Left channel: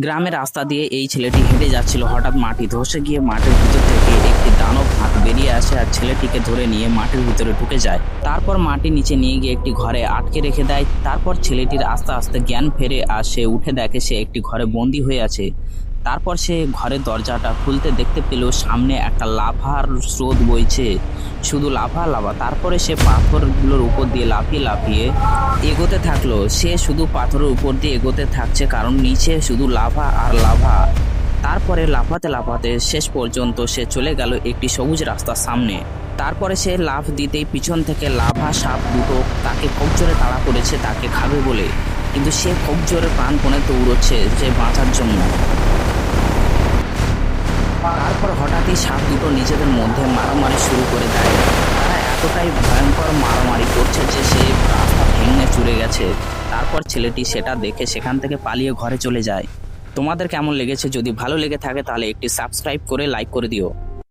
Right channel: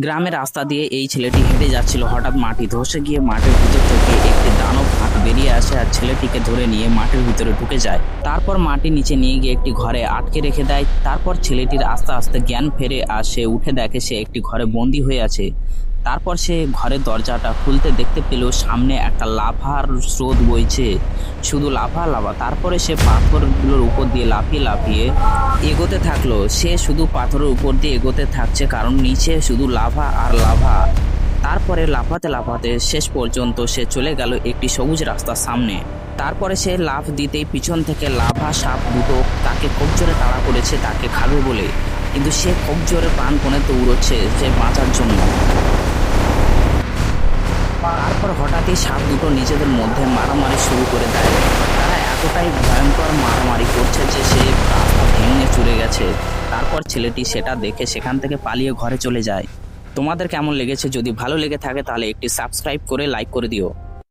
গ্রামের রাস্তা দিয়ে এই ছেলেটি হেঁটে যাচ্ছিল। হঠাৎ মাটি ধসে গিয়ে মাটির ভিতর থেকে একটি দানব হাত বেরিয়ে আসে আর ছেলেটিকে ধরে নিয়ে মাটির ভিতরে ঢুকে যায়। তারপর মাটির নিচে নিয়ে গিয়ে একটি ঘরে আটকে রেখে দেয়। তারপর ছেলেটির আস্তে আস্তে জ্ঞান ফেরে আর সে উঠে দেখে সে একটি ঘরে বন্দি হয়ে আছে। তারপর সে ঘরের দরজাটা খুলতে দেখতে পেল সামনে একটা লাভার স্রোত বইছে, শুধু লাভা লাভা। তারপরে সে পাথরগুলোর উপর দিয়ে লাফিয়ে লাফিয়ে এগোতে থাকলো। সে শুধু পাথরের উপর দিয়ে এগোতে থাকছে কারণ নিচে শুধু লাভা আর লাভা। তারপরে লাফাতে লাফাতে শেষ পর্যন্ত সে চলে গেল একটি সবুজ রাস্তার সামনে। তারপরে সে লাফ দিতেই পিছন থেকে লাভা সাপ দুটো তাকে খুব জোরে তাড়া করেছে তাকে খাবে বলে, কিন্তু সে খুব জোরে প্রাণপণে দৌড়চ্ছে যে বাঁচার জন্য। তারপর হঠাৎই সাপ দুটো নিজেদের মধ্যে মারামারি শুরু করে দেয়। তারা এতটাই ভয়ঙ্কর মারামারি করছে যে সে রাস্তা ভেঙে চুরে গেছে। তারপর ছেলেটি সেটা দেখে সেখান থেকে পালিয়ে ঘরে চলে যায়। তোমাদের কেমন লেগেছে? যদি ভালো লেগে থাকে তাহলে একটি সাবস্ক্রাইব করে লাইক করে দিও।